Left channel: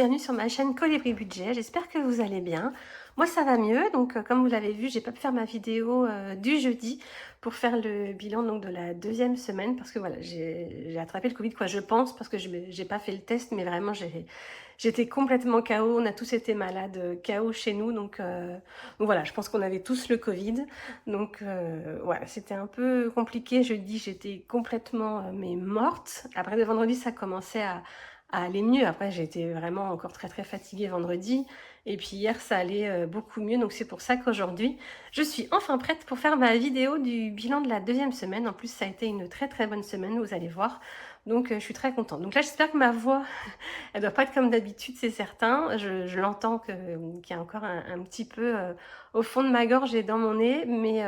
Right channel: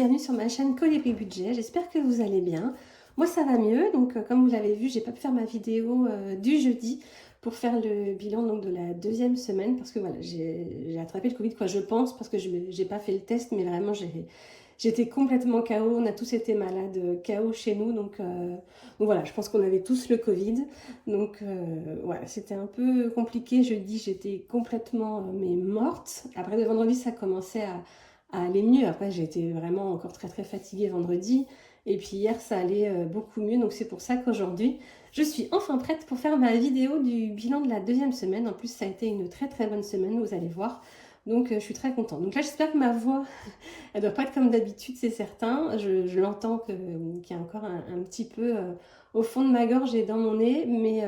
bienvenue sur ma chaîne Colibri Budget, j'espère que vous allez bien. Moi ça va mieux, donc comme vous l'avez vu, j'ai pas pu faire ma vidéo du jeudi pour faire le bilan donc, de la deuxième semaine parce que voilà, j'ai attrapé le Covid, quoi, je pense, parce que j'ai pas fait le test, mais vraiment j'étais complètement KO, on a tous été malades, KO chez nous, donc voilà, je pense qu'on avait tous le Covid, donc voilà, c'était un peu compliqué, jeudi j'étais complètement mais morte, après le vendredi ça commençait à aller mieux. Après, j'ai été vraiment encore très fatiguée vendredi. Et puis hier, ça allait beaucoup mieux. Donc c'est pour ça qu'aujourd'hui, je suis enfin prête pour faire ma vidéo du bilan de la deuxième semaine. En plus, ça a été une très bonne semaine, vous allez voir. Donc je suis très contente. Donc là, j'espère que ma voix, elle doit pas être comme d'habitude, c'est certain. Je l'entends qu'il y a encore un petit peu au fond de ma gorge et dans mon nez. Mais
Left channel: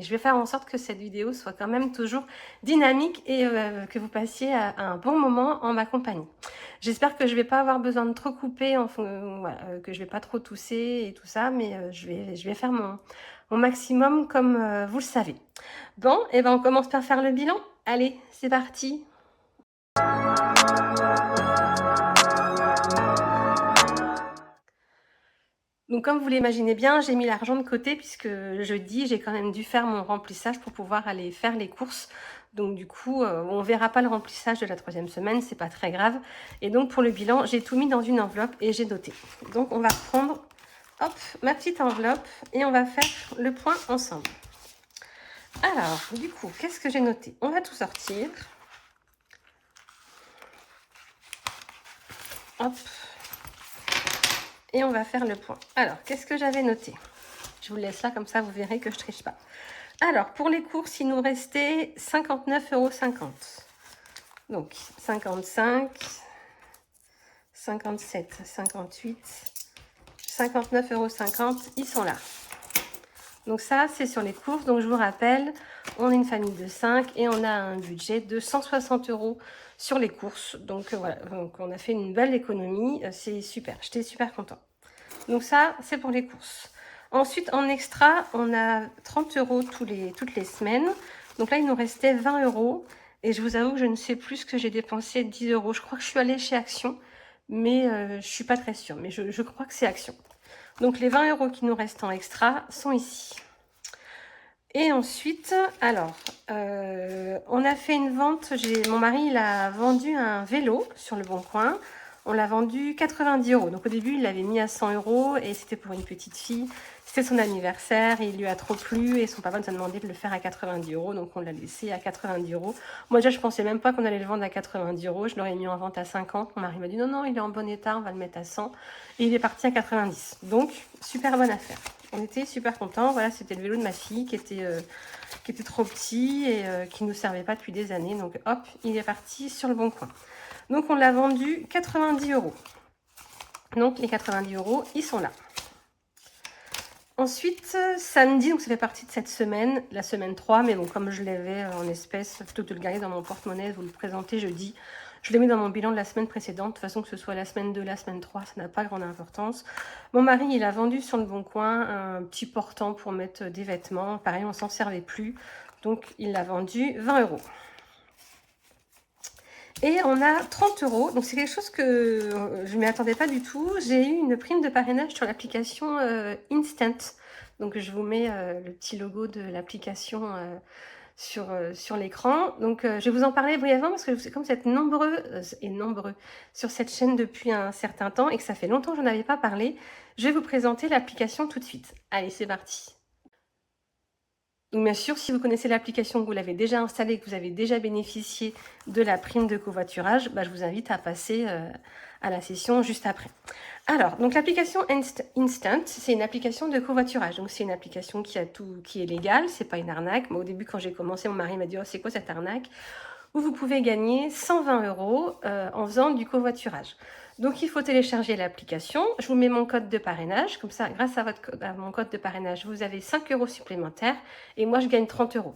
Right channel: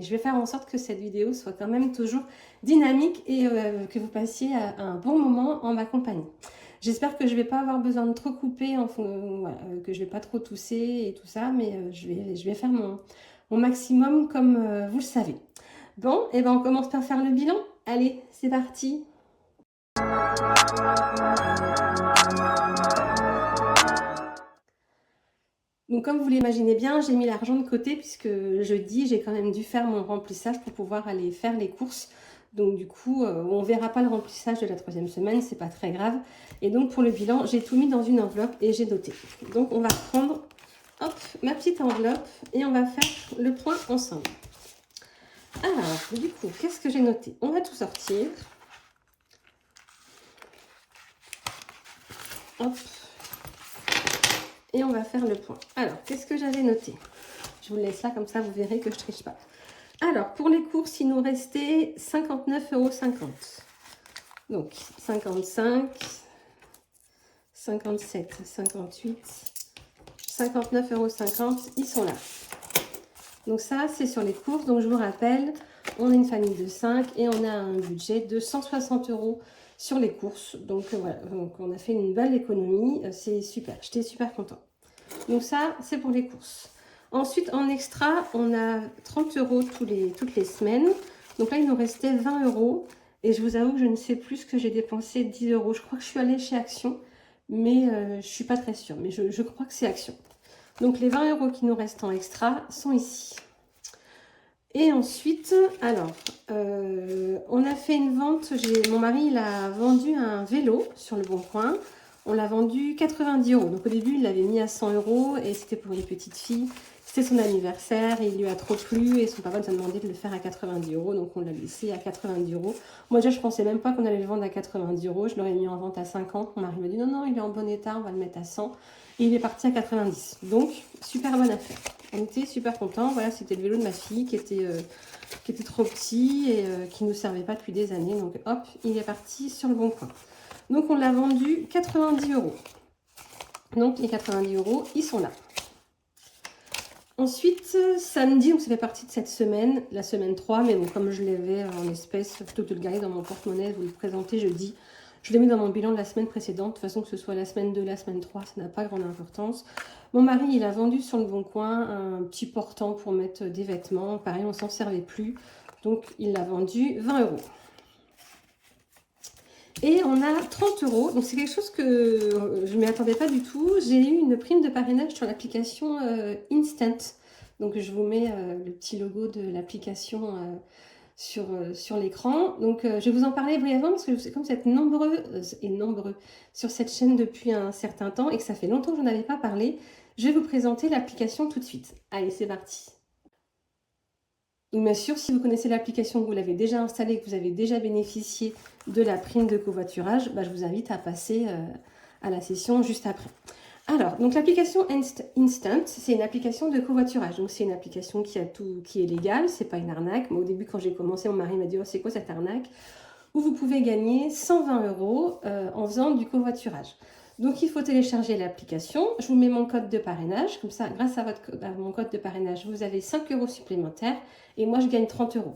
je vais faire en sorte que cette vidéo soit quand même toujours dynamique et que vous passiez un bon moment en ma compagnie. J'espère que je vais pas avoir besoin de trop couper, voilà, que je vais pas trop tousser et tout ça, mais je vais faire mon maximum comme vous le savez. Bon, et ben on commence par faire le bilan. Allez, c'est parti. Donc comme vous l'imaginez bien, j'ai mis l'argent de côté puisque jeudi, j'ai quand même dû faire mon remplissage pour pouvoir aller faire les courses. Donc du coup, on verra pas le remplissage de la troisième semaine, c'est pas très grave. Et donc pour le bilan, j'ai tout mis dans une enveloppe et j'ai noté. Donc on va prendre, hop, ma petite enveloppe et on va faire le point ensemble. Alors, du coup, qu'est-ce que j'ai noté? On va tout sortir. Hop. Et on va faire le point. Alors, qu'est-ce que j'avais noté? Je vous laisse là, comme ça, vous verrez que je triche pas. Alors, pour les courses, il nous restait 59,50 €. Donc, 55, 57, 58, 59,50 €, ils sont là. Donc ça, c'est sur les courses. Donc, je vous rappelle, on est une famille de 5 et on a un budget de 160 € sur les courses. Donc, voilà, donc, on a fait une belle économie. C'est super, j'étais super contente. Donc ça, c'est pour les courses. Ensuite, en extra, on a 30 € toutes les semaines. Donc là, il nous restait 20 €. Et je vous avoue que je ne sais plus ce que j'ai dépensé, 10 €. Je crois que je suis allée chez Action, mais je ne suis pas très sûre. Mais je crois que c'est Action. Donc les 20 € qui nous restent en extra sont ici. Et ensuite, alors, on a fait une vente. Mon mari, il a vendu un vélo sur le Bon Coin. On l'a vendu 90 €. Donc au début, il l'avait mis à 100 € et c'était pour une petite fille. C'était son anniversaire et il lui a trop plu et son papa nous a demandé de le faire à 90 €. Donc on l'a laissé à 90 €. Moi déjà, je pensais même pas qu'on allait le vendre à 90 €. Je l'aurais mis en vente à 50. Mon mari m'a dit non, il est en bon état, on va le mettre à 100. Et il est parti à 90. Donc, super bonne affaire. On était super contents. Voilà, c'était le vélo de ma fille qui était trop petit et qui ne nous servait pas depuis des années. Donc hop, il est parti sur le Bon Coin. Donc on l'a vendu 90 €. Donc les 90 €, ils sont là. Ensuite, samedi, donc ça fait partie de cette semaine, la semaine 3, mais bon, comme je l'avais en espèces, plutôt que de le garder dans mon porte-monnaie, vous le présenter jeudi, je l'ai mis dans mon bilan de la semaine précédente. De toute façon, que ce soit la semaine 2, la semaine 3, ça n'a pas grande importance. Mon mari, il a vendu sur le Bon Coin un petit portant pour mettre des vêtements. Pareil, on s'en servait plus. Donc, il l'a vendu 20 €. Et on a 30 €. Donc, c'est quelque chose que je ne m'y attendais pas du tout. J'ai eu une prime de parrainage sur l'application Instant. Donc, je vous mets le petit logo de l'application sur l'écran. Donc, je vais vous en parler brièvement parce que comme vous êtes nombreux et nombreux sur cette chaîne depuis un certain temps et que ça fait longtemps que je n'en avais pas parlé, je vais vous présenter l'application tout de suite. Allez, c'est parti. Donc, bien sûr, si vous connaissez l'application, que vous l'avez déjà installée, que vous avez déjà bénéficié de la prime de covoiturage, je vous invite à passer à la session juste après. Alors, donc l'application Instant, c'est une application de covoiturage. Donc, c'est une application qui est légale, c'est pas une arnaque. Moi, au début, quand j'ai commencé, mon mari m'a dit « Oh, c'est quoi cette arnaque ?» Où vous pouvez gagner 120 € en faisant du covoiturage. Donc, il faut télécharger l'application. Je vous mets mon code de parrainage. Comme ça, grâce à mon code de parrainage, vous avez 5 € supplémentaires. Et moi, je gagne 30 €.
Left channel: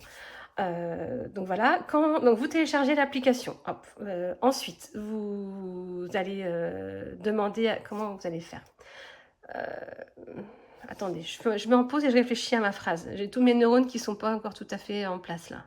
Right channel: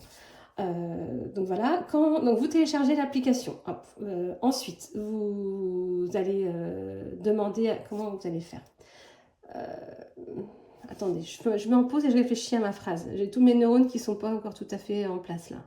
Donc voilà, donc vous téléchargez l'application. Ensuite, vous allez demander comment vous allez faire. Attendez, je mets en pause et je réfléchis à ma phrase. J'ai tous mes neurones qui ne sont pas encore tout à fait en place là.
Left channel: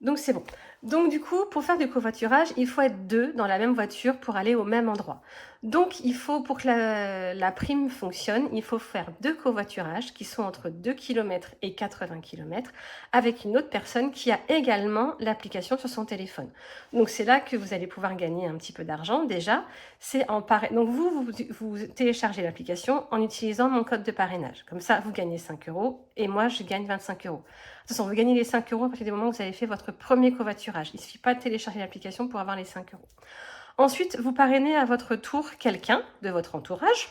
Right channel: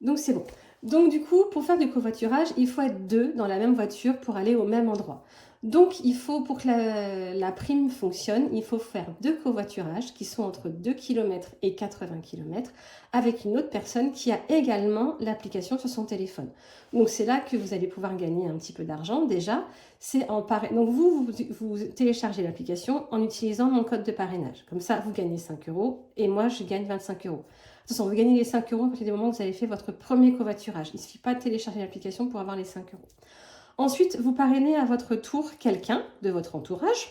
Donc c'est bon. Donc du coup, pour faire du covoiturage, il faut être 2 dans la même voiture pour aller au même endroit. Donc il faut, pour que la prime fonctionne, il faut faire 2 covoiturages qui sont entre 2 km et 80 km avec une autre personne qui a également l'application sur son téléphone. Donc c'est là que vous allez pouvoir gagner un petit peu d'argent déjà. C'est en Donc vous téléchargez l'application en utilisant mon code de parrainage. Comme ça, vous gagnez 5 € et moi je gagne 25 €. De toute façon, vous gagnez les 5 € à partir du moment où vous avez fait votre premier covoiturage. Il ne suffit pas de télécharger l'application pour avoir les 5 €. Ensuite, vous parrainez à votre tour quelqu'un de votre entourage.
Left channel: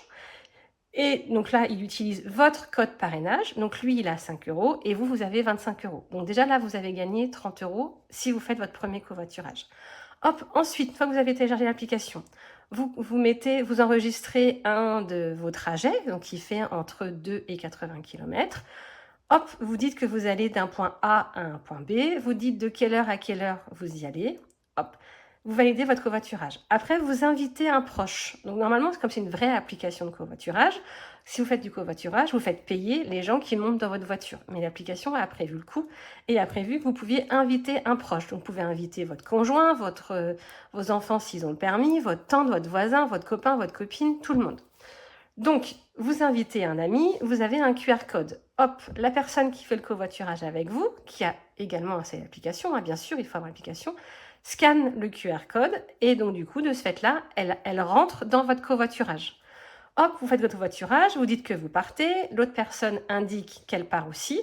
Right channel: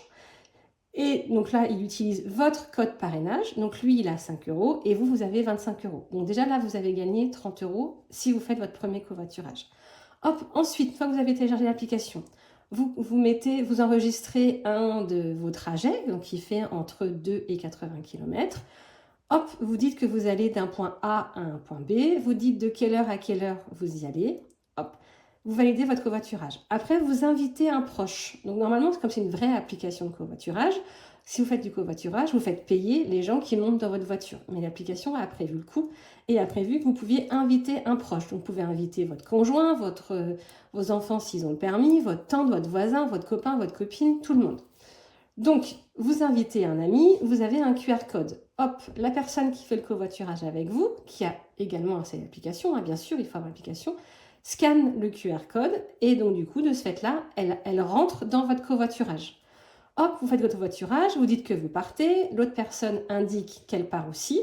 Et donc là, il utilise votre code parrainage. Donc lui, il a 5 € et vous, vous avez 25 €. Donc déjà là, vous avez gagné 30 € si vous faites votre premier covoiturage. Hop, ensuite, une fois que vous avez téléchargé l'application, vous enregistrez un de vos trajets, donc qui fait entre 2 et 80 km. Hop, vous dites que vous allez d'un point A à un point B, vous dites de quelle heure à quelle heure vous y allez, hop, vous validez votre covoiturage. Après, vous invitez un proche. Donc normalement, comme c'est une vraie application de covoiturage, si vous faites du covoiturage, vous faites payer les gens qui montent dans votre voiture. Mais l'application a prévu le coût et a prévu que vous pouviez inviter un proche. Donc vous pouvez inviter votre conjoint, vos enfants s'ils ont le permis, votre tante, votre voisin, votre copain, votre copine, tout le monde. Donc, vous invitez un ami, vous avez un QR code. Hop, la personne qui fait le covoiturage avec vous, qui a également cette application, bien sûr, il faut avoir l'application, scanne le QR code et donc du coup, de ce fait-là, elle rentre dans votre covoiturage. Hop, vous faites votre covoiturage, vous dites que vous partez, l'autre personne indique qu'elle part aussi.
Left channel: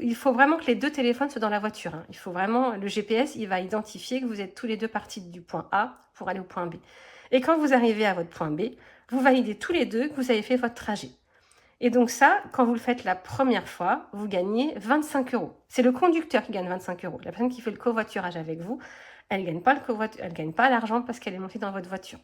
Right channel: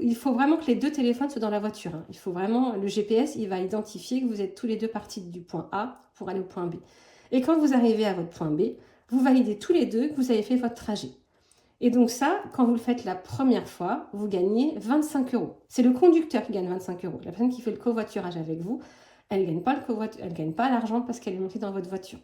Il faut vraiment que les 2 téléphones soient dans la voiture. Il faut vraiment, le GPS, il va identifier que vous êtes tous les 2 partis du point A pour aller au point B. Et quand vous arrivez à votre point B, vous validez tous les 2 que vous avez fait votre trajet. Et donc ça, quand vous le faites la première fois, vous gagnez 25 €. C'est le conducteur qui gagne 25 €. La personne qui fait le covoiturage avec vous, elle ne gagne pas l'argent parce qu'elle est montée dans votre voiture.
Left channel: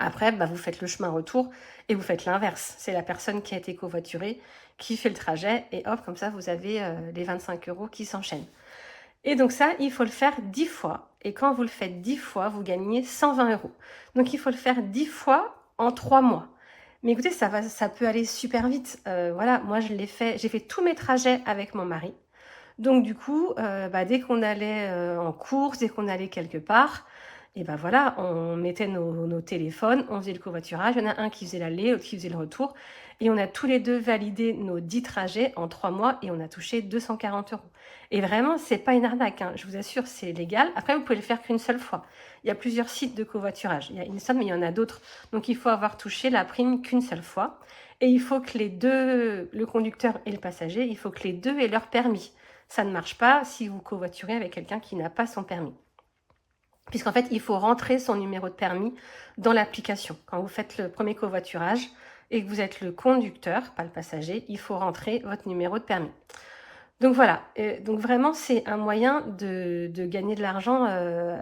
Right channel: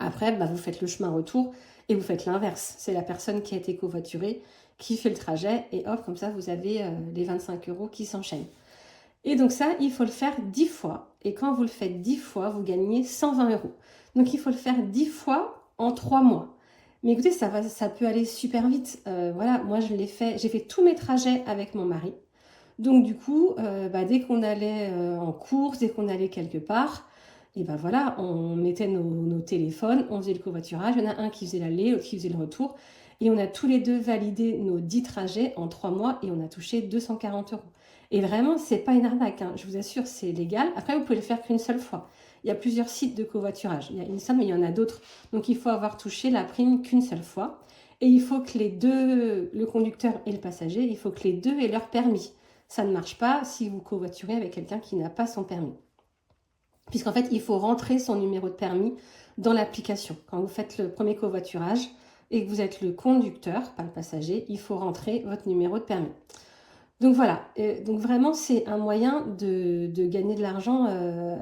Après, vous faites le chemin retour et vous faites l'inverse. C'est la personne qui a été covoiturée qui fait le trajet et hop, comme ça, vous avez les 25 € qui s'enchaînent. Et donc ça, il faut le faire 10 fois. Et quand vous le faites 10 fois, vous gagnez 120 €. Donc il faut le faire 10 fois en 3 mois. Mais écoutez, ça peut aller super vite. Voilà, moi j'ai fait tous mes trajets avec mon mari. Donc du coup, dès qu'on allait en course, dès qu'on allait quelque part, et voilà, on mettait nos téléphones, on faisait le covoiturage. Il y en a un qui faisait l'aller, l'autre qui faisait le retour. Et on a tous les 2 validé nos 10 trajets en 3 mois et on a touché 240 €. Et vraiment, c'est pas une arnaque, hein. Je vous assure, c'est légal. Après, vous pouvez le faire qu'une seule fois. Il y a plusieurs sites de covoiturage. Il y a Instant, mais il y en a d'autres. Donc, il faut avoir touché la prime qu'une seule fois. Et il faut que les 2, le conducteur et le passager, il faut que les 2 aient leur permis. Ça ne marche pas si vous covoiturez avec quelqu'un qui n'a pas son permis. Puisqu'en fait, il faut rentrer son numéro de permis dans l'application. Quand vous faites le premier covoiturage et que vous êtes le conducteur, pas le passager, il faut rentrer votre numéro de permis. Donc voilà, donc vraiment c'est un moyen de gagner de l'argent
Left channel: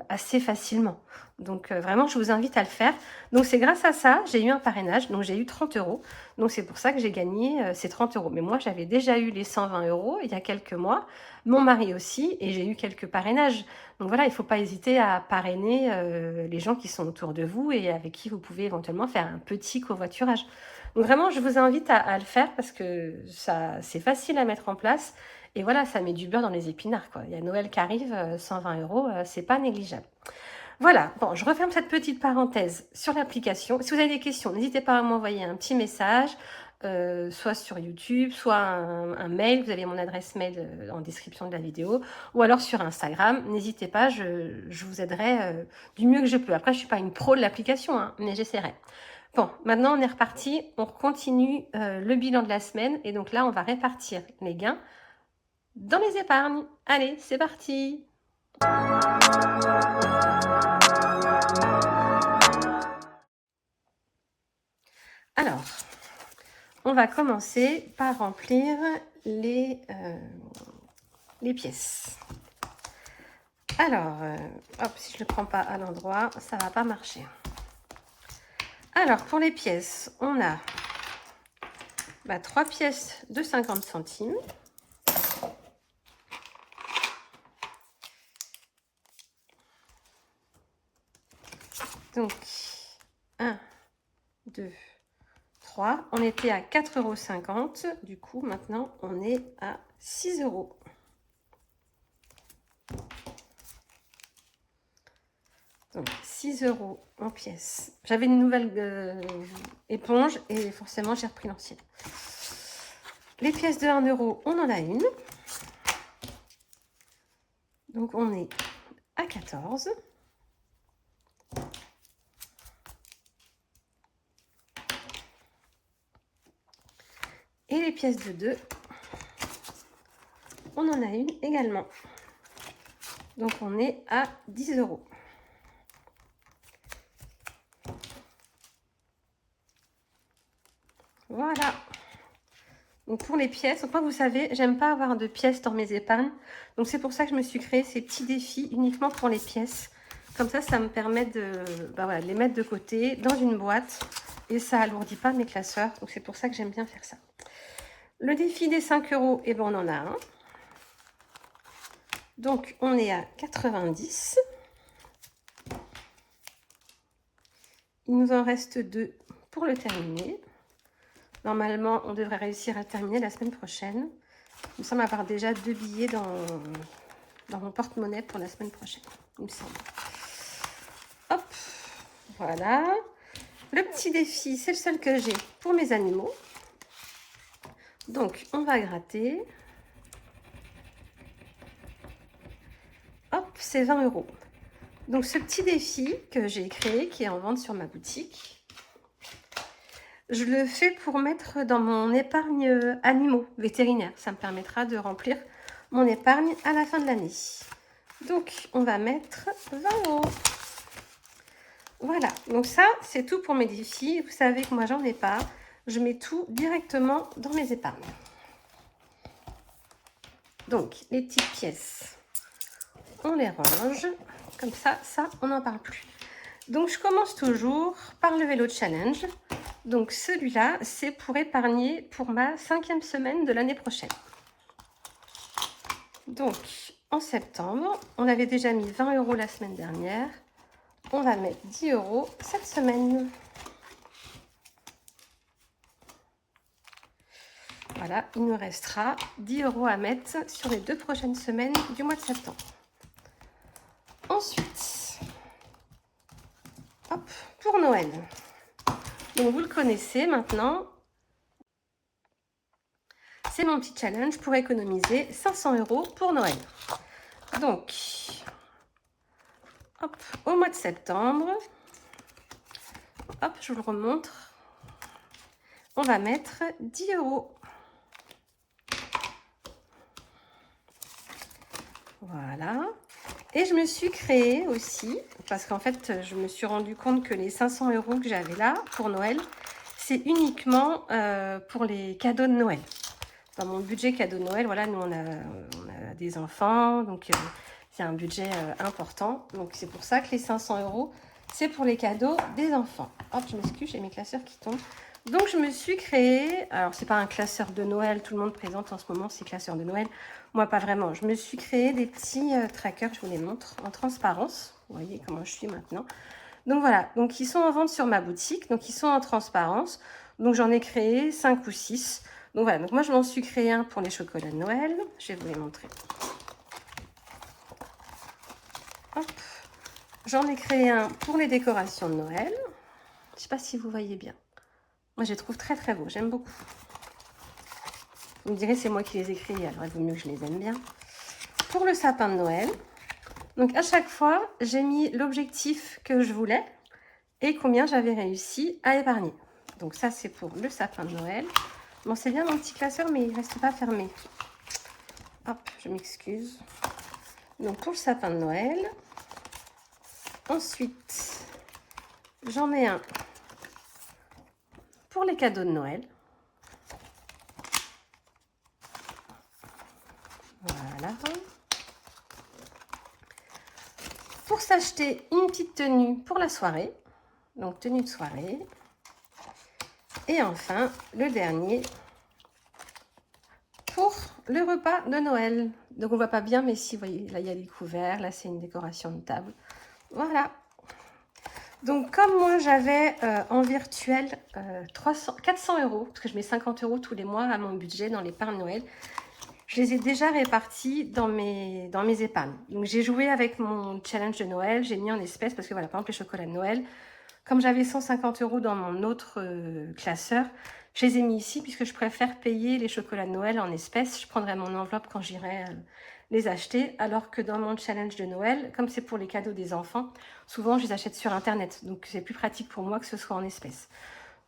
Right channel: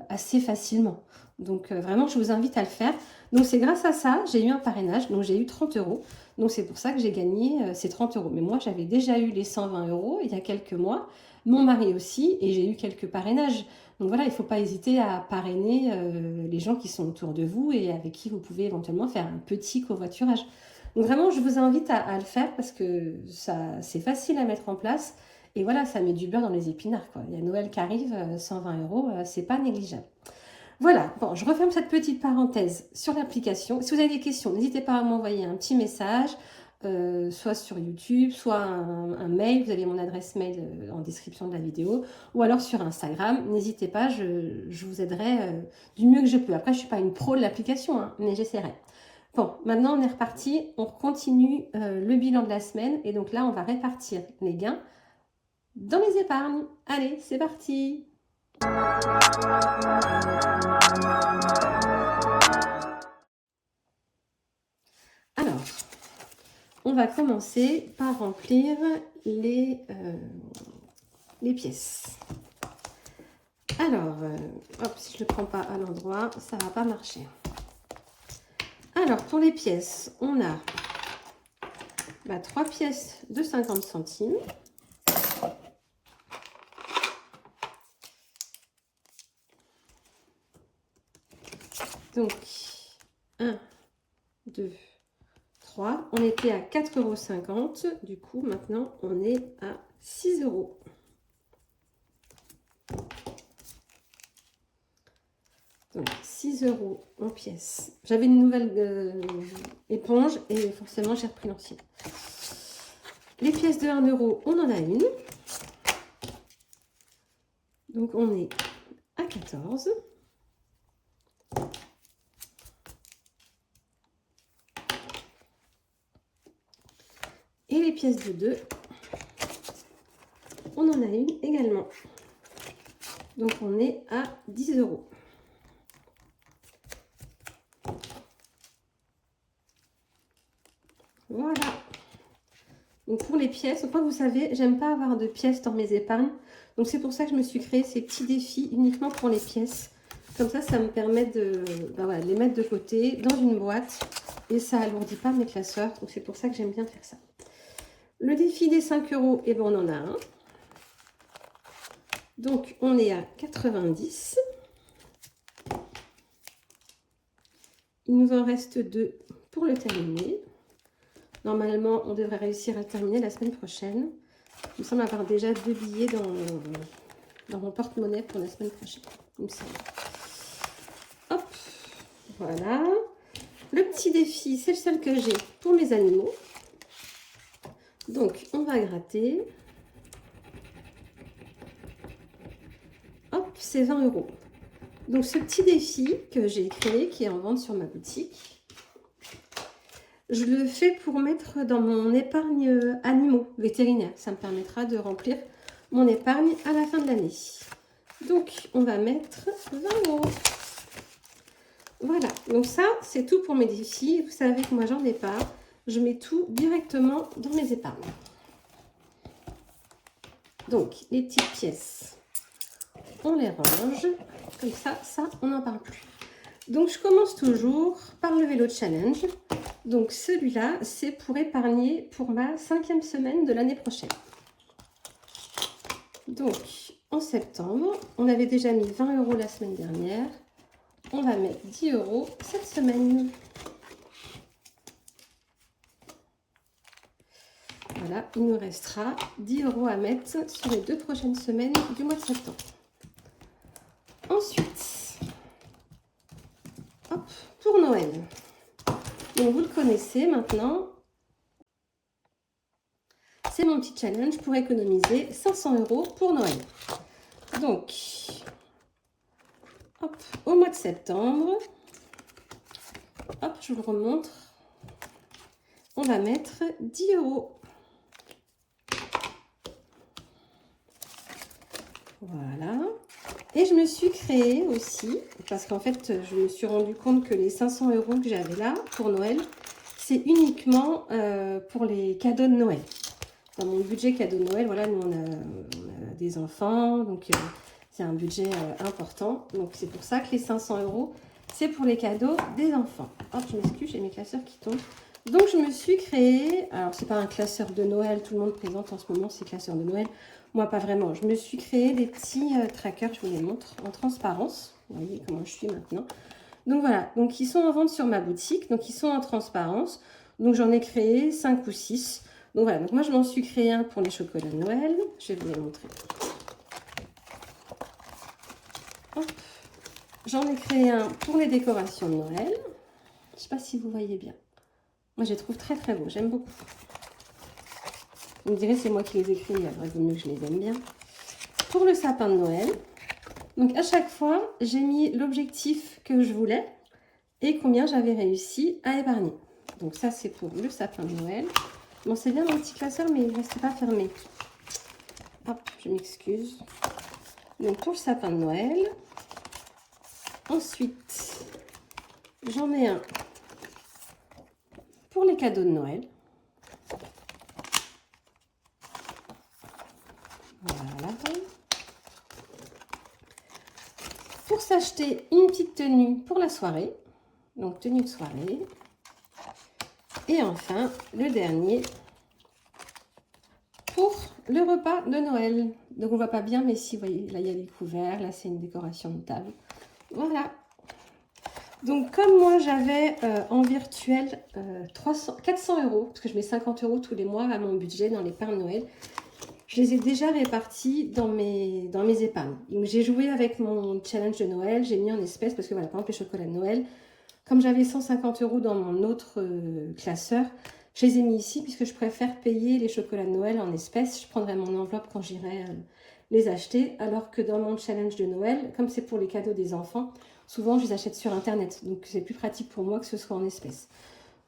assez facilement. Donc vraiment je vous invite à le faire. Donc c'est grâce à ça, j'ai eu un parrainage, donc j'ai eu 30 €. Donc c'est pour ça que j'ai gagné ces 30 €. Mais moi j'avais déjà eu les 120 € il y a quelques mois, mon mari aussi, et j'ai eu quelques parrainages. Donc voilà, il ne faut pas hésiter à parrainer les gens qui sont autour de vous et avec qui vous pouvez éventuellement faire un petit covoiturage. Donc vraiment je vous invite à le faire parce que c'est facile à mettre en place. Et voilà, ça met du beurre dans les épinards, quoi. Il y a Noël qui arrive, 120 €, c'est pas négligeable. Voilà, bon, je referme cette petite parenthèse sur l'application. Si vous avez des questions, n'hésitez pas à m'envoyer un petit message, soit sur YouTube, soit un mail. Vous avez mon adresse mail en description de la vidéo, ou alors sur Instagram. N'hésitez pas, je vous aiderai du mieux que je peux. Après, je ne suis pas une pro de l'application, hein, mais j'essaierai. Bon, maintenant on est reparti, on continue le bilan de la semaine. Et donc là, on va répartir les gains dans les épargnes. Allez, c'est parti! Alors, on va commencer par remplir les pièces. Alors, hop, si je ne le prends pas à l'endroit, ça ne va pas marcher. Alors, pour les pièces, on a 3 pièces de 50 centimes. Donc, 1, 2, 3. On était à 4,50 €. Du coup, maintenant, on est à 6 €. Donc 6 € en pièces. J'avais une nouvelle éponge et forcément j'ai repris l'ancienne. Les pièces de 1 €, on en a une. Donc on est à 14. Et les pièces de 2, on en a une également. Donc on est à 10 €. Voilà. Donc pour les pièces, enfin vous savez, j'aime pas avoir de pièces dans mes épargnes. Donc c'est pour ça que je me suis créé ces petits défis uniquement pour les pièces. Comme ça me permet de, voilà, de les mettre de côté dans une boîte. Et ça alourdit pas mes classeurs. Donc c'est pour ça que j'aime bien faire ça. Le défi des 5 €, et ben on en a un. Donc on est à 90. Il nous en reste 2 pour le terminer. Normalement, on devrait réussir à terminer la semaine prochaine. Il me semble avoir déjà 2 billets dans mon porte-monnaie pour la semaine prochaine. Il me semble. Hop, voilà. Le petit défi, c'est le seul que j'ai pour mes animaux. Donc, on va gratter. Hop, c'est 20 €. Donc, ce petit défi que j'ai créé, qui est en vente sur ma boutique, je le fais pour mettre dans mon épargne animaux vétérinaires. Ça me permettra de remplir mon épargne à la fin de l'année. Donc, on va mettre 20 €. Voilà, donc ça, c'est tout pour mes défis. Vous savez que moi, j'en ai pas. Je mets tout directement dans mes épargnes. Donc, les petites pièces, on les range. Comme ça, on n'en parle plus. Donc, je commence toujours par le vélo challenge. Donc, celui-là, c'est pour épargner pour ma 5e semaine de l'année prochaine. Donc, en septembre, on avait déjà mis 20 € la semaine dernière. On va mettre 10 € cette semaine. Voilà, il nous restera 10 € à mettre sur les 2 prochaines semaines du mois de septembre. Ensuite, hop, pour Noël. Donc, vous le connaissez maintenant. C'est mon petit challenge pour économiser 500 € pour Noël. Donc, hop, au mois de septembre, hop, je vous le remontre. On va mettre 10 €. Voilà. Et je me suis créé aussi, parce qu'en fait, je me suis rendu compte que les 500 € que j'avais là pour Noël, c'est uniquement pour les cadeaux de Noël. Dans mon budget cadeau de Noël, voilà, nous on a des enfants, donc c'est un budget important. Donc c'est pour ça que les 500 €, c'est pour les cadeaux des enfants. Hop, je m'excuse, j'ai mes classeurs qui tombent. Donc je me suis créé, alors c'est pas un classeur de Noël, tout le monde présente en ce moment ces classeurs de Noël. Moi pas vraiment, je me suis créé des petits trackers, je vous les montre, en transparence. Vous voyez comment je suis maintenant. Donc voilà, donc ils sont en vente sur ma boutique, donc ils sont en transparence. Donc j'en ai créé 5 ou 6. Donc voilà, donc moi je m'en suis créé un pour les chocolats de Noël. Je vais vous les montrer. J'en ai créé un pour les décorations de Noël. Je ne sais pas si vous voyez bien. Moi je les trouve très très beaux, j'aime beaucoup. Vous me direz c'est moi qui les ai créés, alors il vaut mieux que je les aime bien. Pour le sapin de Noël. Donc à chaque fois, j'ai mis l'objectif que je voulais et combien j'avais réussi à épargner. Donc ça c'est pour le sapin de Noël. Bon, c'est bien mon petit classeur, mais il ne reste pas fermé. Hop, je m'excuse. Donc, pour le sapin de Noël. Ensuite, j'en ai un pour les cadeaux de Noël. Voilà. Pour s'acheter une petite tenue pour la soirée. Donc, tenue de soirée. Et enfin, le dernier pour le repas de Noël. Donc, on ne voit pas bien, mais si, vous voyez, là, il y a les couverts. Là, c'est une décoration de table. Voilà. Donc, comme moi, j'avais en virtuel 400 €, parce que je mets 50 € tous les mois à mon budget dans l'épargne Noël, je les ai déjà répartis dans mes épargnes. Donc, j'ai joué avec mon challenge de Noël, j'ai mis en espèces parce que voilà, par exemple, les chocolats de Noël, comme j'avais 150 € dans mon autre classeur, je les ai mis ici puisque je préfère payer les chocolats de Noël en espèces. Je prendrai mon enveloppe quand j'irai les acheter. Alors que dans mon challenge de Noël, comme c'est pour les cadeaux des enfants, souvent je les achète sur Internet. Donc c'est plus pratique pour moi que ce soit en espèces.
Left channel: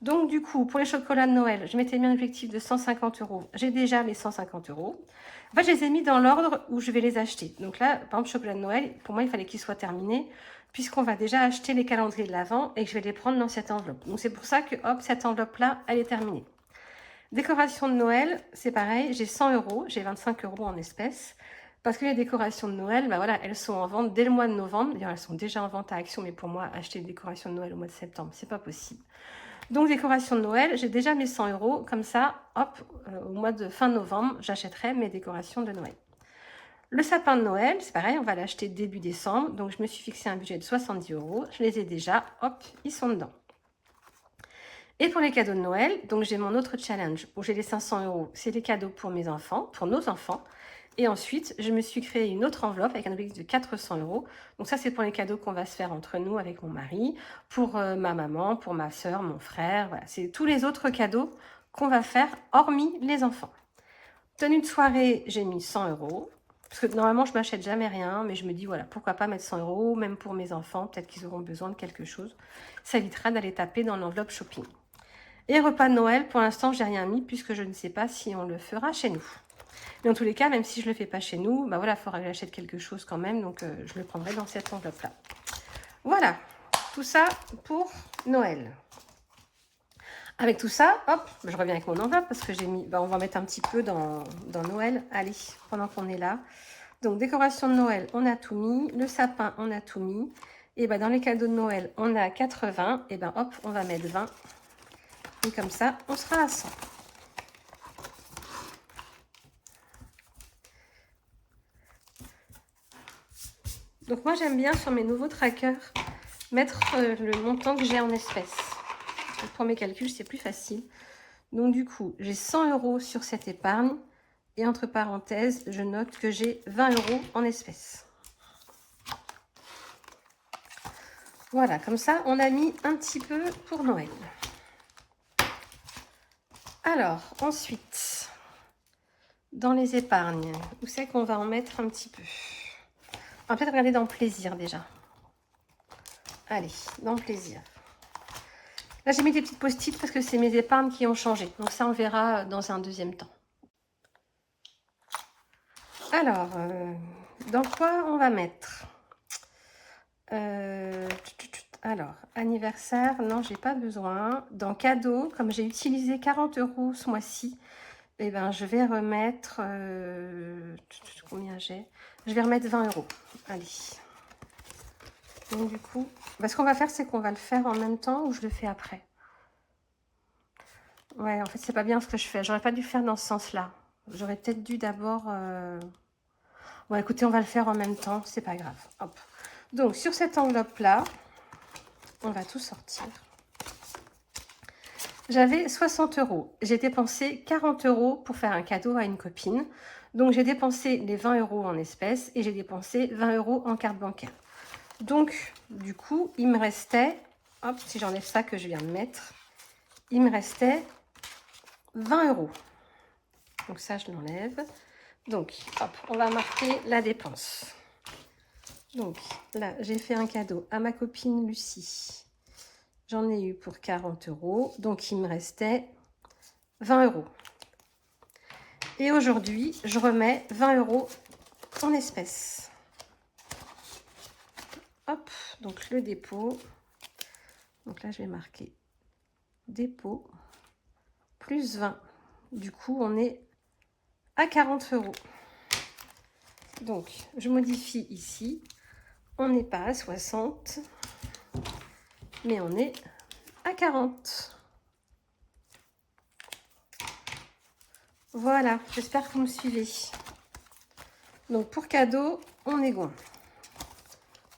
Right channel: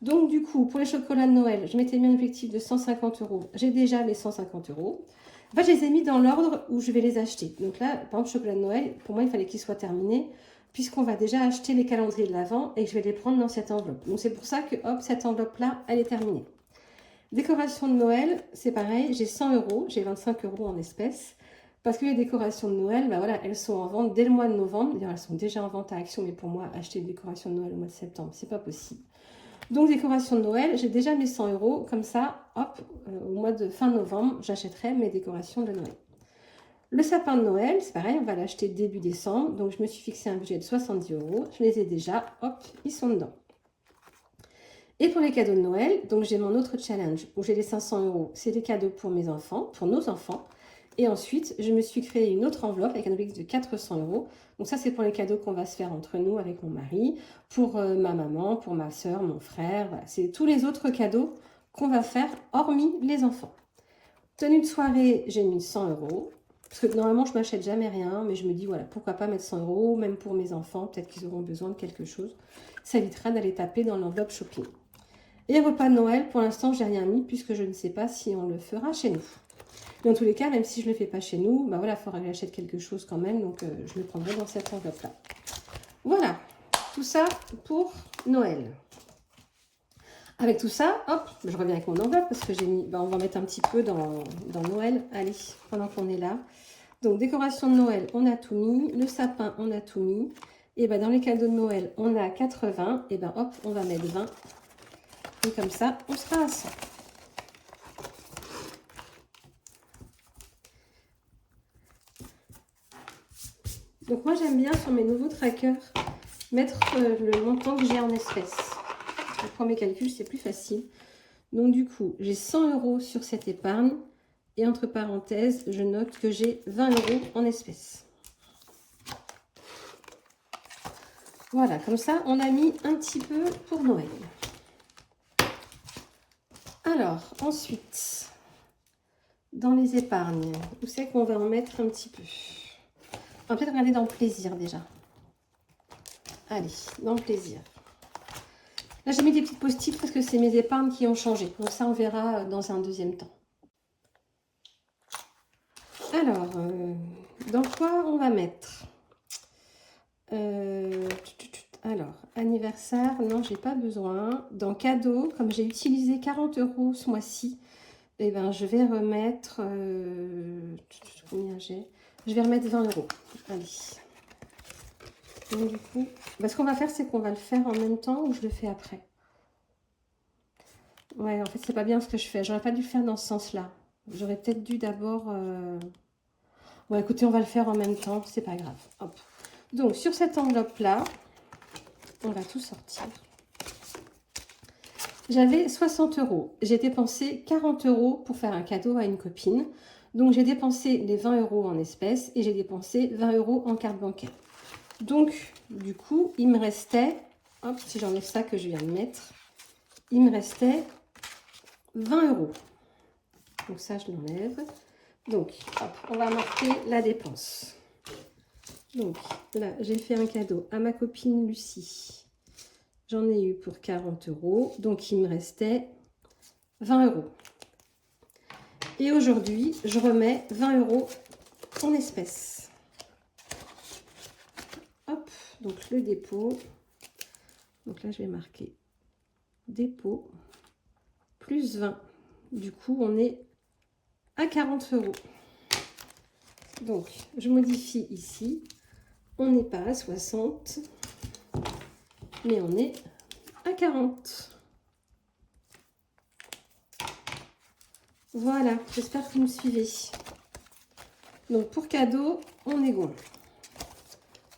Donc du coup, pour les chocolats de Noël, je m'étais mis un objectif de 150 €. J'ai déjà les 150 €. En fait, je les ai mis dans l'ordre où je vais les acheter. Donc là, par exemple, chocolat de Noël, pour moi, il fallait qu'il soit terminé puisqu'on va déjà acheter les calendriers de l'Avent et que je vais les prendre dans cette enveloppe. Donc c'est pour ça que, hop, cette enveloppe-là, elle est terminée. Décoration de Noël, c'est pareil, j'ai 100 €, j'ai 25 € en espèces. Parce que les décorations de Noël, bah voilà, elles sont en vente dès le mois de novembre. D'ailleurs, elles sont déjà en vente à Action, mais pour moi, acheter des décorations de Noël au mois de septembre, c'est pas possible. Donc, décoration de Noël, j'ai déjà mes 100 €. Comme ça, hop, au mois de fin novembre, j'achèterai mes décorations de Noël. Le sapin de Noël, c'est pareil, on va l'acheter début décembre. Donc, je me suis fixé un budget de 70 €. Je les ai déjà, hop, ils sont dedans. Et pour les cadeaux de Noël, donc j'ai mon autre challenge où j'ai les 500 €. C'est les cadeaux pour mes enfants, pour nos enfants. Et ensuite, je me suis créé une autre enveloppe avec un objectif de 400 €. Donc ça, c'est pour les cadeaux qu'on va se faire entre nous avec mon mari, pour ma maman, pour ma soeur, mon frère. Voilà, c'est tous les autres cadeaux qu'on va faire, hormis les enfants. Tenue de soirée, j'ai mis 100 €. Parce que normalement, je ne m'achète jamais rien, mais je me dis, voilà, pourquoi pas mettre 100 €, même pour mes enfants, peut-être qu'ils auront besoin de quelque chose. Ça évitera d'aller taper dans l'enveloppe shopping. Et repas de Noël, pour l'instant, j'ai rien mis, puisque je ne sais pas si on le fera chez nous. Mais en tous les cas, même si je ne le fais pas chez nous, bah voilà, il faudra que j'achète quelque chose quand même, donc je le prendrai dans cette enveloppe-là. Voilà, tout ça pour Noël. Avec tout ça, hop, je reviens avec mon enveloppe parce que j'ai mis, bah on va mettre un petit peu dans Noël. Allez, pendant qu'on est là. Donc, décoration de Noël, on a tout mis. Le sapin, on a tout mis. Et bah dans les cadeaux de Noël, on a 80. Et ben hop, on va mettre 20. Et comme ça, on sera à 100. Donc moi, j'aime bien sur mes nouveaux trackers mettre le montant que j'ai en espèces. Pour mes calculs, c'est plus facile. Donc du coup, j'ai 100 € sur cette épargne. Et entre parenthèses, je note que j'ai 20 € en espèces. Voilà, comme ça, on a mis un petit peu pour Noël. Alors, ensuite, dans les épargnes, où c'est qu'on va en mettre un petit peu? On va peut-être regarder dans le plaisir déjà. Allez, dans le plaisir. Là, j'ai mis des petites post-it parce que c'est mes épargnes qui ont changé. Donc ça, on verra dans un deuxième temps. Alors, dans quoi on va mettre alors, anniversaire, non, j'ai pas besoin. Dans cadeau, comme j'ai utilisé 40 € ce mois-ci, eh ben, je vais remettre... combien j'ai? Je vais remettre 20 €. Allez. Donc, du coup, bah, ce qu'on va faire, c'est qu'on va le faire en même temps ou je le fais après. Ouais, en fait, c'est pas bien ce que je fais. J'aurais pas dû faire dans ce sens-là. J'aurais peut-être dû d'abord... Bon, écoutez, on va le faire en même temps. C'est pas grave. Hop. Donc, sur cette enveloppe-là, on va tout sortir. J'avais 60 €. J'ai dépensé 40 € pour faire un cadeau à une copine. Donc, j'ai dépensé les 20 € en espèces et j'ai dépensé 20 € en carte bancaire. Donc, du coup, il me restait, hop, si j'enlève ça que je viens de mettre, il me restait 20 €. Donc, ça, je l'enlève. Donc, hop, on va marquer la dépense. Donc, là, j'ai fait un cadeau à ma copine Lucie. J'en ai eu pour 40 €. Donc, il me restait 20 €. Et aujourd'hui, je remets 20 € en espèces. Hop, donc le dépôt. Donc là, je vais marquer dépôt plus 20. Du coup, on est à 40 €. Donc, je modifie ici. On n'est pas à 60, mais on est à 40. Voilà, j'espère que vous me suivez. Donc, pour cadeau, on est bon.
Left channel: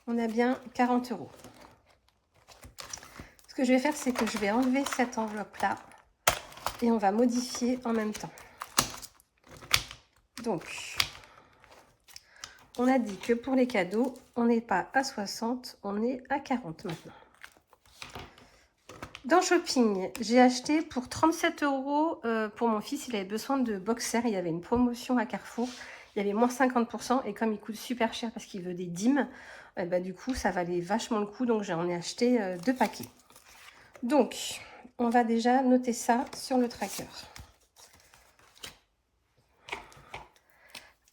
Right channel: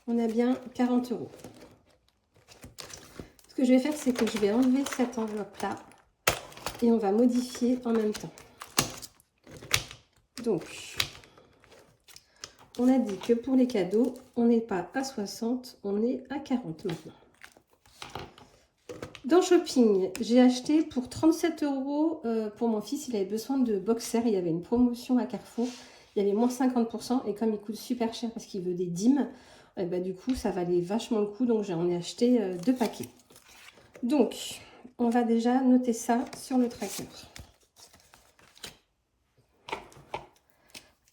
On a bien 40 €. Ce que je vais faire, c'est que je vais enlever cette enveloppe-là et on va modifier en même temps. Donc, on a dit que pour les cadeaux, on n'est pas à 60, on est à 40 maintenant. Dans Shopping, j'ai acheté pour 37 € pour mon fils. Il avait besoin de boxers. Il y avait une promotion à Carrefour. Il y avait moins 50%. Et comme il coûte super cher parce qu'il veut des dîmes, bah, du coup, ça valait vachement le coup. Donc, j'en ai acheté 2 paquets. Donc, on va déjà noter ça sur le tracker.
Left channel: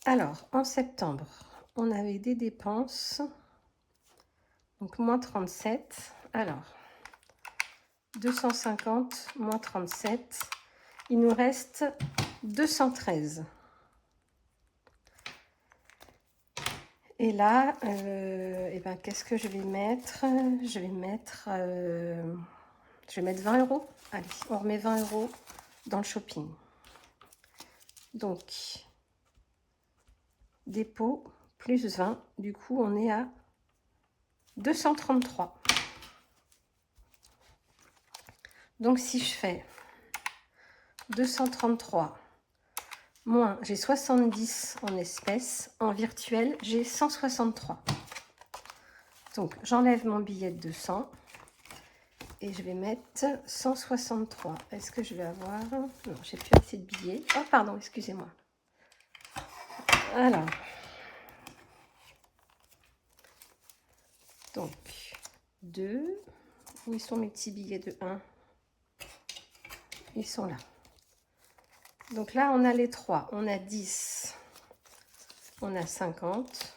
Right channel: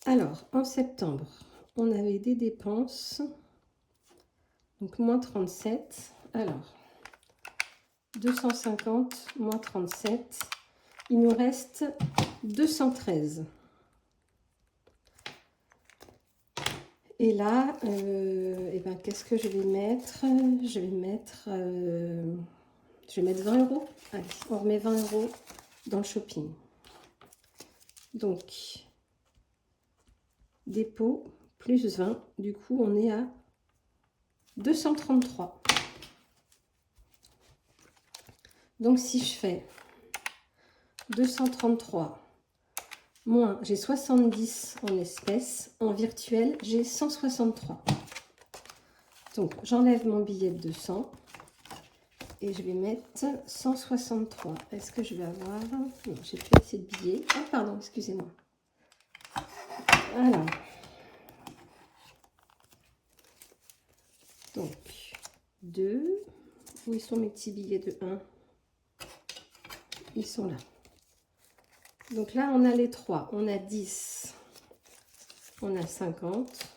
Alors, en septembre, on avait des dépenses. Donc, moins 37. Alors, 250 moins 37. Il nous reste 213. Et là, eh ben, qu'est-ce que je vais mettre? Je vais mettre 20 €. Allez, on remet 20 € dans le Shopping. Donc, dépôt plus 20. Du coup, on est à 233. Donc, si je fais 233 moins, j'ai 70 en espèces, en virtuel, j'ai 163. Donc, j'enlève mon billet de 200 et je vais mettre 163. Est-ce que je vais avoir... Non, j'ai plus assez de billets. Oh, pardon, excusez-moi. Alors, donc, 2. Où ils sont mes petits billets de 1? Ils sont là. Donc là, on a les 3. On a 10. On a 50.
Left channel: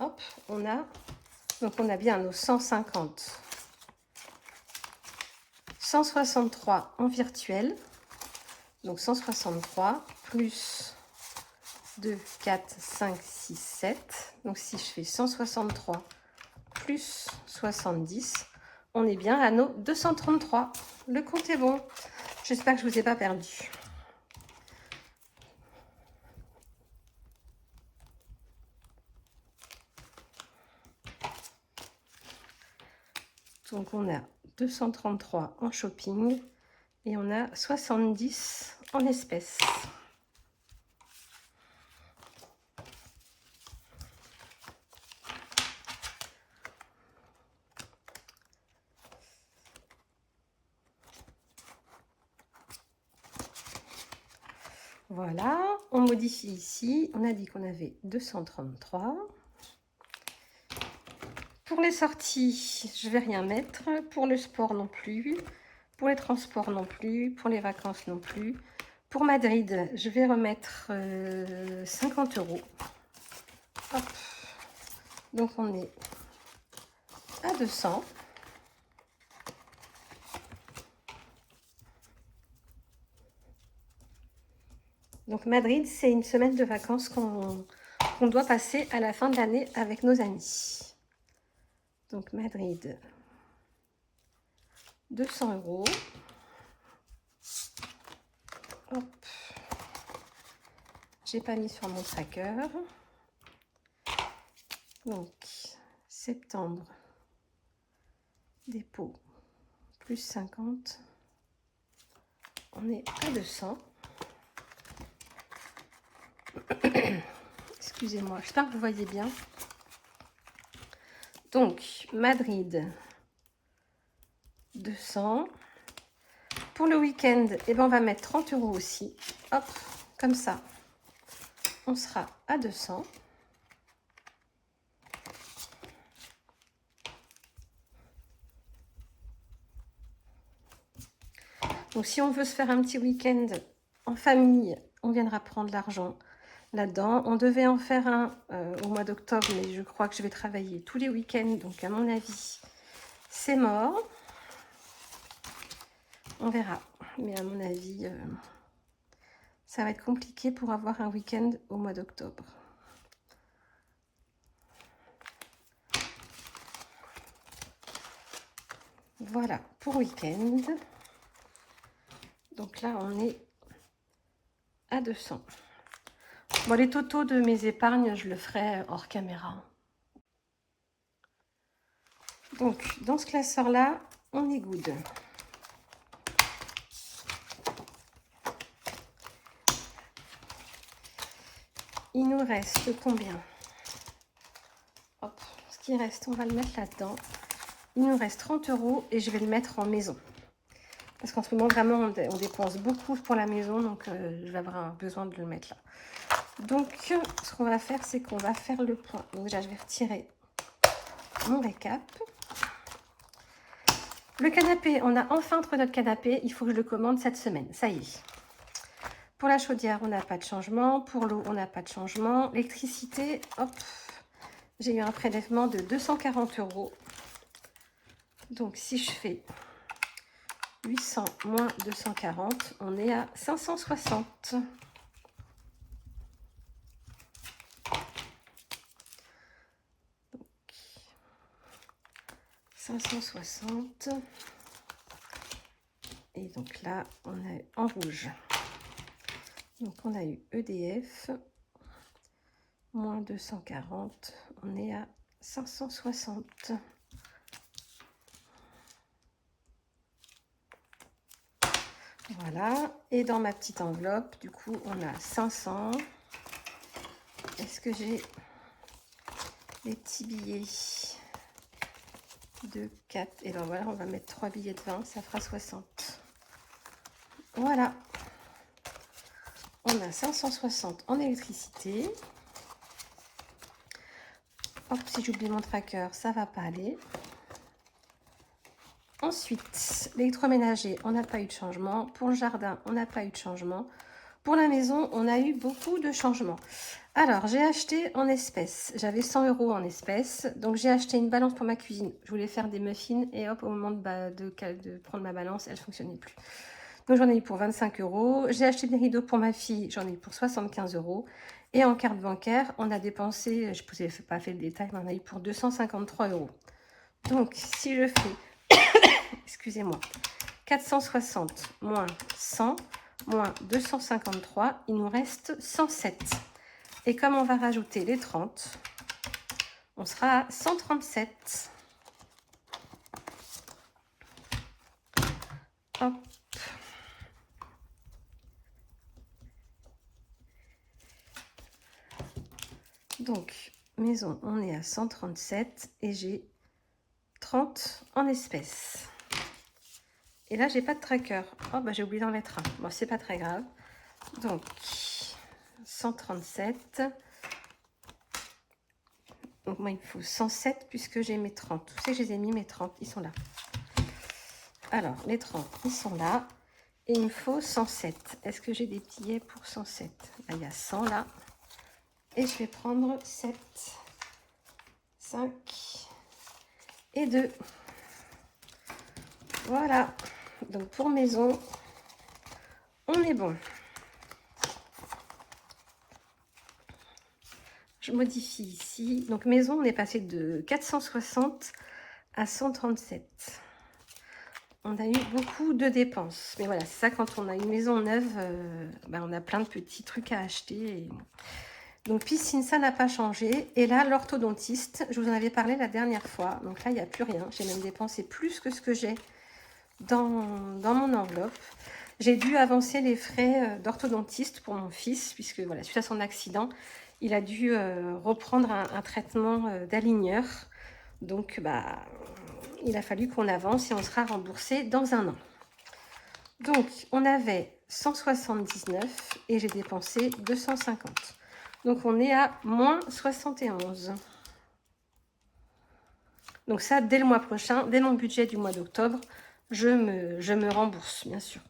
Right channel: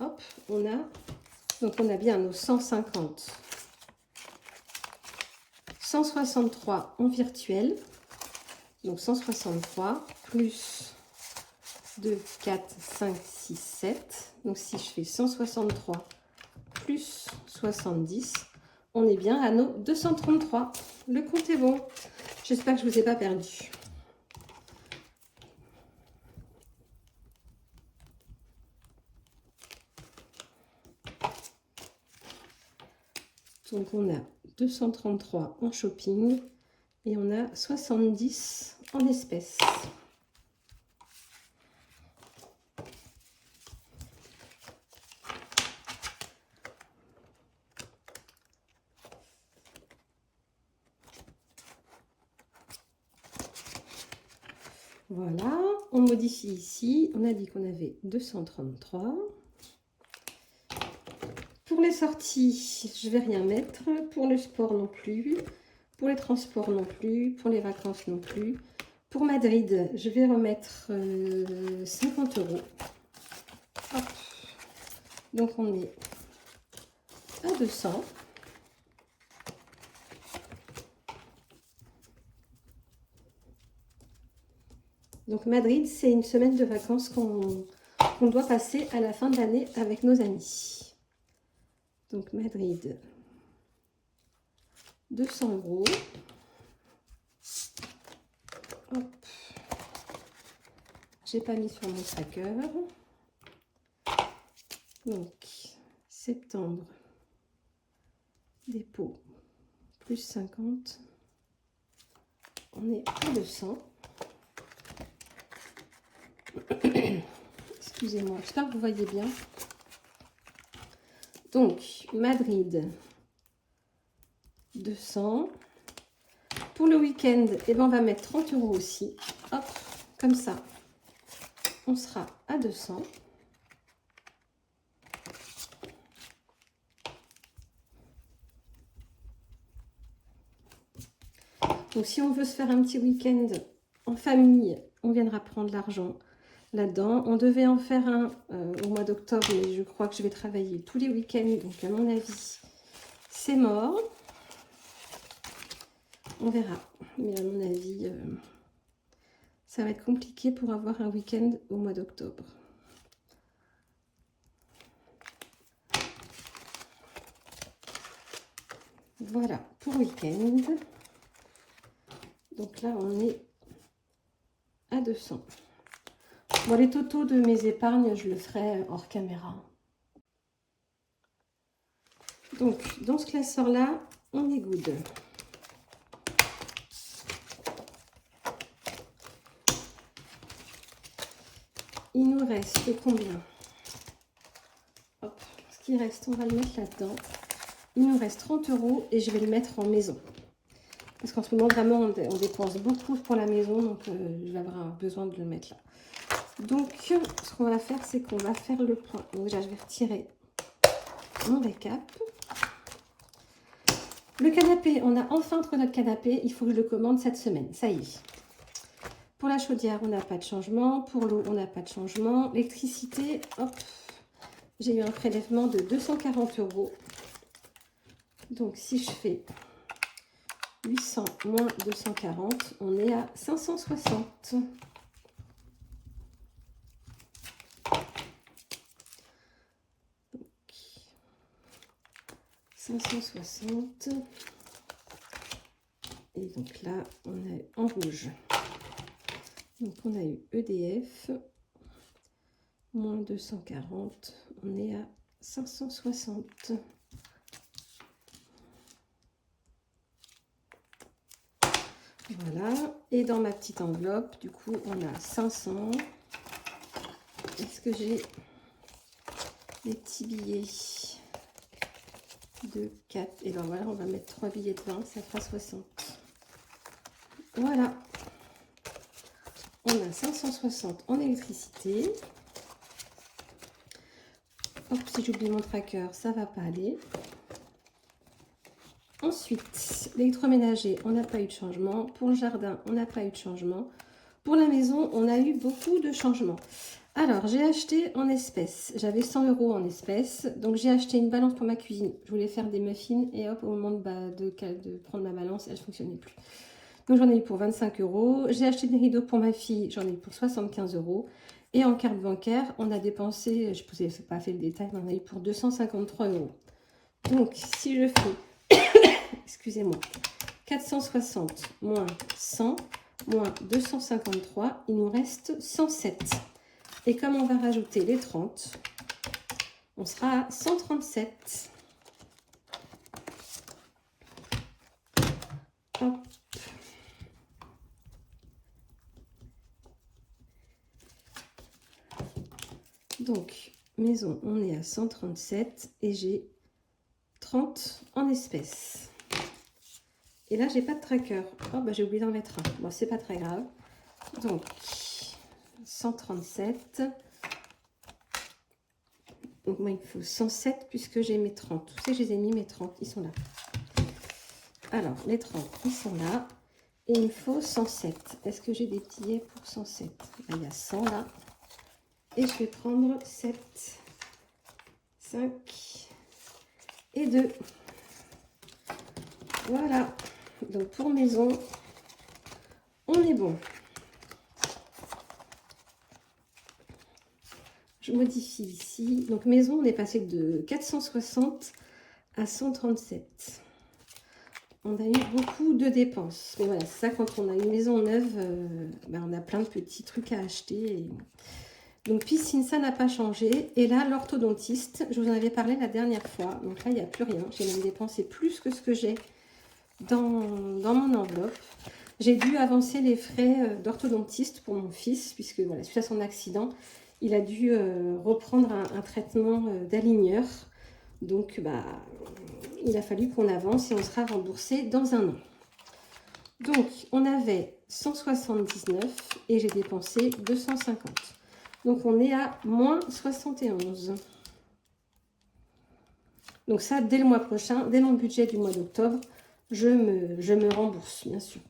Hop, on a... Donc, on a bien nos 150. 163 en virtuel. Donc, 163 plus 2, 4, 5, 6, 7. Donc, si je fais 163 plus 70, on est bien à nos 233. Le compte est bon. J'espère que je ne vous ai pas perdu. Donc, on a 233 en Shopping et on a 70 en espèces. Voilà, on modifie ici. On a dit qu'on avait 233. Pour les sorties, je ne vais rien mettre. Pour le sport non plus. Pour les transports non plus. Pour les vacances non plus. Pour Madrid, je vais remettre 50 €. Hop. Donc, on est à 200. Donc, Madrid, c'est une semaine de vacances qu'on doit passer à la fin de l'année avec nos amis. Donc, Madrid, 200 €. Hop. J'ai pas mis sur mon tracker. Donc, septembre, dépôt, plus 50. On est à 200. Excusez-moi, j'espère que vous voyez bien. Donc, Madrid, 200. Pour le week-end, eh ben, on va mettre 30 € aussi. Hop, comme ça, on sera à 200. Donc, si on veut se faire un petit week-end en famille, on viendra prendre l'argent là-dedans. On devait en faire un au mois d'octobre, mais je crois que je vais travailler tous les week-ends. Donc, à mon avis, c'est mort. On verra. Mais à mon avis, ça va être compliqué pour avoir un week-end au mois d'octobre. Voilà, pour week-end. Donc là, on est à 200. Bon, les totaux de mes épargnes, je le ferai hors caméra. Donc, dans ce classeur-là, on est good. il nous reste combien? Hop, ce qui reste, on va le mettre là-dedans. Il nous reste 30 € et je vais le mettre en maison. Parce qu'en ce moment, vraiment, on dépense beaucoup pour la maison, donc je vais avoir besoin de le mettre là. Donc, ce qu'on va faire, c'est qu'on va faire le point. Donc déjà, je vais retirer mon récap. Le canapé, on a enfin trouvé notre canapé. Il faut que je le commande cette semaine. Ça y est. Pour la chaudière, on n'a pas de changement. Pour l'eau, on n'a pas de changement. L'électricité, hop, j'ai eu un prélèvement de 240 €. Donc, si je fais 800 moins 240, on est à 560. 560. Et donc là, on est en rouge. Donc on a eu EDF, moins 240, on est à 560. Voilà, et dans ma petite enveloppe, du coup, on a 500. Est-ce que j'ai les petits billets de 4? Et ben voilà, on va mettre 3 billets de 20, ça fera 60. Voilà. On a 560 en électricité. Hop, si j'oublie mon tracker, ça va pas aller. Ensuite, l'électroménager, on n'a pas eu de changement. Pour le jardin, on n'a pas eu de changement. Pour la maison, on a eu beaucoup de changements. Alors, j'ai acheté en espèces. J'avais 100 € en espèces. Donc, j'ai acheté une balance pour ma cuisine. Je voulais faire des muffins et hop, au moment de prendre ma balance, elle ne fonctionnait plus. Donc, j'en ai eu pour 25 €. J'ai acheté des rideaux pour ma fille. J'en ai eu pour 75 €. Et en carte bancaire, on a dépensé, je ne vous ai pas fait le détail, mais on a eu pour 253 €. Donc, si je fais, excusez-moi, 460 moins 100 moins 253, il nous reste 107. Et comme on va rajouter les 30, on sera à 137. Hop. Donc, maison, on est à 137 et j'ai 30 en espèces. Et là, j'ai pas de tracker. Oh, bah j'ai oublié d'en mettre un. Bon, c'est pas très grave. Donc, 137. Donc, moi, il me faut 107 puisque j'ai mes 30. Vous savez, je les ai mis, mes 30. Ils sont là. Alors, les 30, ils sont là. Et il me faut 107. Est-ce que j'ai des billets pour 107? Là, il y a 100 là. Et je vais prendre 7, 5 et 2. Voilà. Donc, pour maison, on est bon. Je modifie ici. Donc, maison, on est passé de 460 à 137. On a eu beaucoup de dépenses. Mais voilà, c'est ça, quand on a une maison neuve, on a plein de petits trucs à acheter. Donc, piscine, ça n'a pas changé. Et là, l'orthodontiste, je vous en avais parlé la dernière fois. Donc là, il n'y a plus rien. J'ai même dépensé plus que ce que j'ai dans mon enveloppe. J'ai dû avancer les frais d'orthodontiste pour mon fils, puisque voilà, suite à son accident, il a dû reprendre un traitement d'aligneur. Donc, il a fallu qu'on avance et on sera remboursé dans un an. Donc, on avait 179 et j'ai dépensé 250. Donc, on est à moins 71. Donc ça, dès le mois prochain, dès mon budget du mois d'octobre, je me rembourse, bien sûr.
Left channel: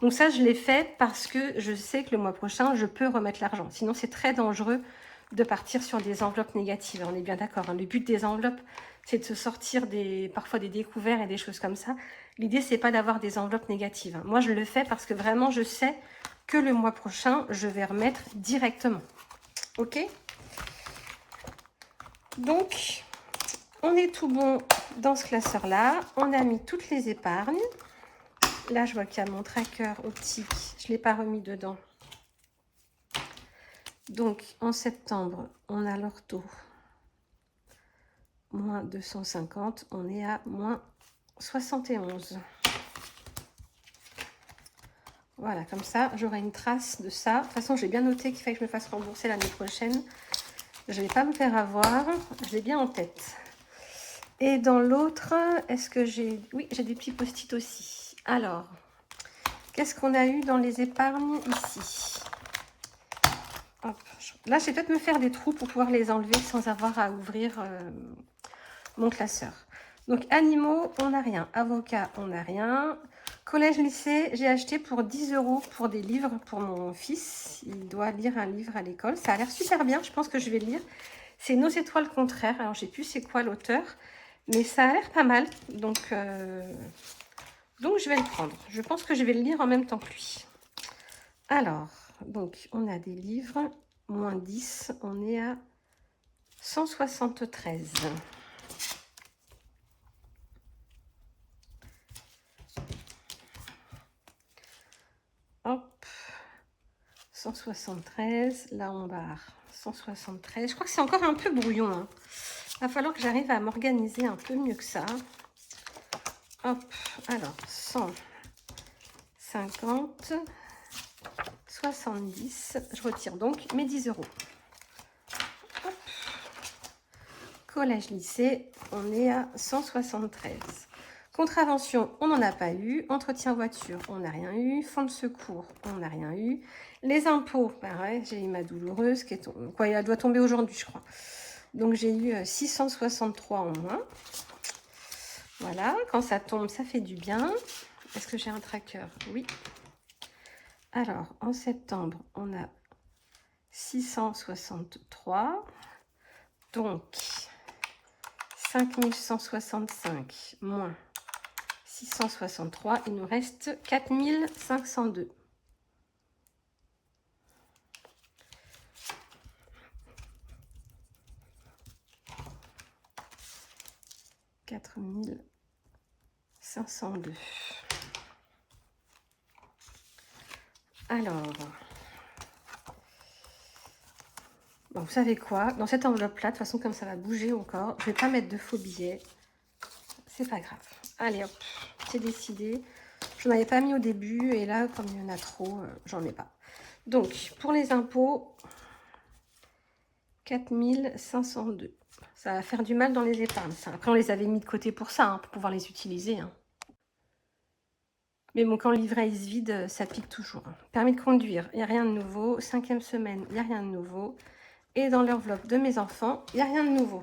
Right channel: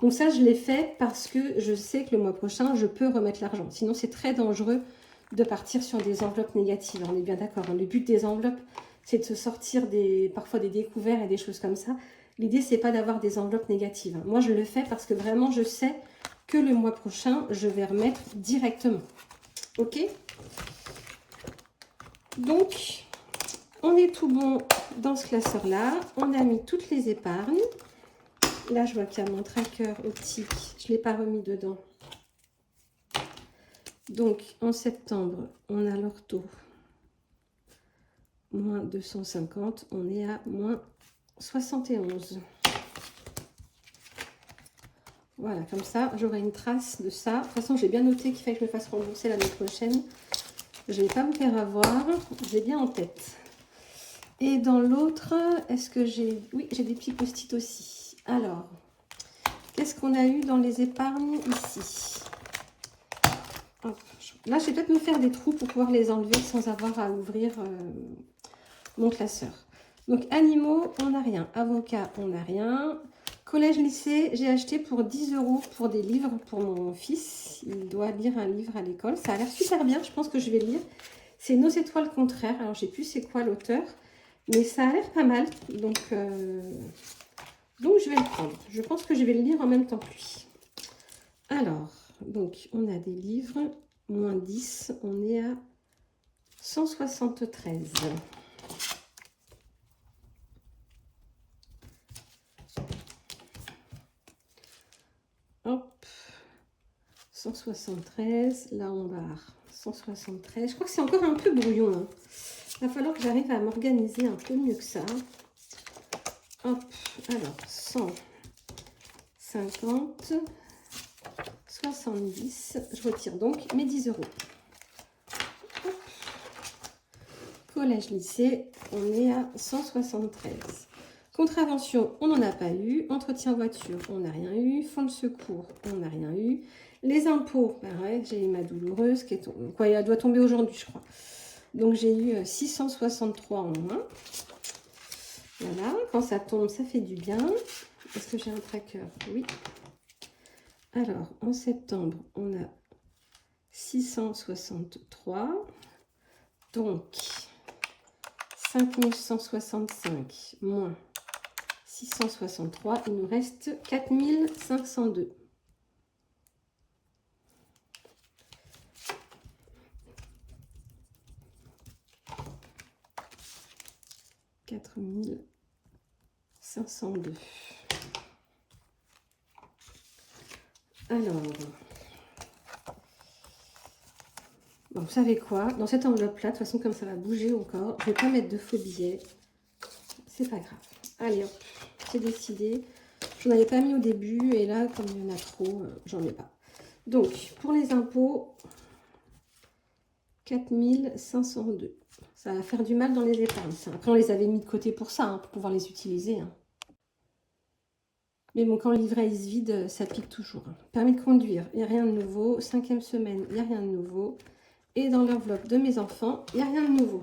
Donc ça, je l'ai fait parce que je sais que le mois prochain, je peux remettre l'argent. Sinon, c'est très dangereux de partir sur des enveloppes négatives. On est bien d'accord, hein. Le but des enveloppes, c'est de se sortir parfois des découverts et des choses comme ça. L'idée, c'est pas d'avoir des enveloppes négatives, hein. Moi, je le fais parce que vraiment, je sais que le mois prochain, je vais remettre directement. Ok? Donc, on est tout bon dans ce classeur-là. On a mis toutes les épargnes. Là, je vois qu'il y a mon tracker optique. Je ne l'ai pas remis dedans. Donc, en septembre, on a l'ortho. Moins 250. On est à moins 71. Voilà, comme ça, j'aurai une trace de ça. De toute façon, j'ai bien noté qu'il fallait que je me fasse rembourser l'année prochaine. Je ne vais pas me faire avoir. J'ai bien en tête. Et dans l'autre, est-ce que j'ai... Oui, j'ai des petits post-it aussi. Alors, qu'est-ce qu'on a eu dans les épargnes ici? Hop. Là, je vais peut-être me faire des trous pour pouvoir les enlever sans avoir à ouvrir mon classeur. Donc, animaux, on n'a rien. Avocat, on n'a rien. Collège, lycée, j'ai acheté pour 10 € pour des livres pour mon fils. Il doit lire un livre à l'école. Ça a l'air super bien, je pense que je vais le lire. C'est Nos étoiles contraires. Alors, je sais plus c'est quoi l'auteur, mais ça a l'air pas mal. Donc, je vais le prendre. Je pense que je vais le lire en même temps que lui. Alors, donc, on a des livres. Moins 10, on est à 173. Hop, 173, là on barre 173. Je crois que c'est encore un peu brouillon, hein. Il va falloir que j'arrive à m'organiser un peu mieux que ça. Hop, alors 150, 70, je retire donc mes 10 €. Hop. Collège, lycée, on est à 173. Contravention, on n'en a pas eu. Entretien voiture, on n'a rien eu. Fonds de secours, on n'a rien eu. Les impôts, pareil, j'ai eu ma douloureuse qui est quoi, elle doit tomber aujourd'hui, je crois. Donc j'ai eu 663 en moins. Voilà, quand ça tombe, ça fait du bien. Est-ce que j'ai un tracker? Oui. Alors, en septembre, on a 663. Donc, 5165 moins 663, il nous reste 4502. « 4502. Alors, bon, vous savez quoi? Dans cette enveloppe-là, de toute façon, comme ça va bouger encore, je ne vais pas mettre de faux billets. C'est pas grave. Allez, hop, c'est décidé. Je n'en avais pas mis au début et là, comme il y en a trop, j'en ai pas. Donc, pour les impôts, 4502. Ça va faire du mal dans les épargnes. Ça. Après, on les avait mis de côté pour ça, hein, pour pouvoir les utiliser. Hein. Mais bon, quand le livret il se vide, ça pique toujours. Permis de conduire, il n'y a rien de nouveau. 5e semaine, il n'y a rien de nouveau. Et dans l'enveloppe de mes enfants, il n'y a rien de nouveau.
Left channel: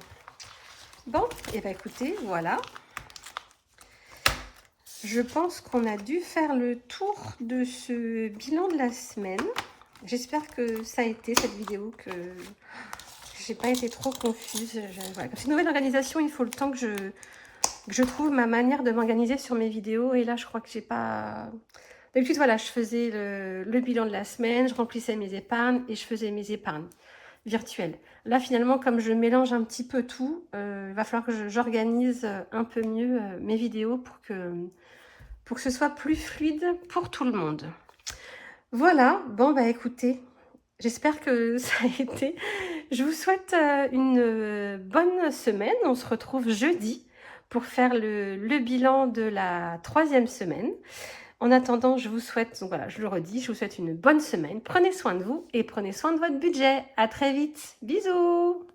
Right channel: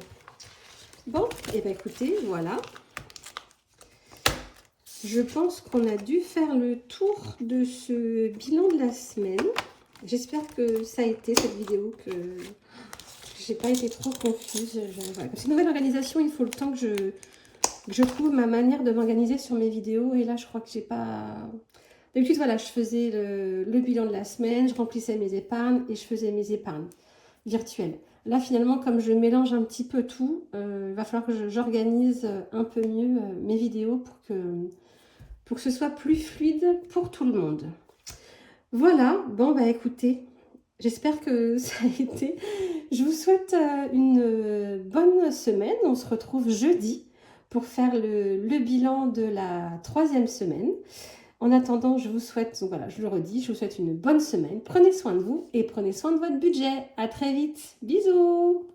Bon, et bien écoutez, voilà. Je pense qu'on a dû faire le tour de ce bilan de la semaine. J'espère que ça a été cette vidéo, que j'ai pas été trop confuse. Voilà. C'est une nouvelle organisation, il faut le temps que je trouve ma manière de m'organiser sur mes vidéos. Et là, je crois que j'ai pas... D'habitude, voilà, je faisais le bilan de la semaine, je remplissais mes épargnes et je faisais mes épargnes virtuelles. Là, finalement, comme je mélange un petit peu tout, il va falloir que j'organise un peu mieux mes vidéos pour que ce soit plus fluide pour tout le monde. Voilà, bon, bah écoutez, j'espère que ça a été. Je vous souhaite une bonne semaine. On se retrouve jeudi pour faire le bilan de la 3e semaine. En attendant, je vous souhaite, donc voilà, je le redis, je vous souhaite une bonne semaine. Prenez soin de vous et prenez soin de votre budget. À très vite. Bisous.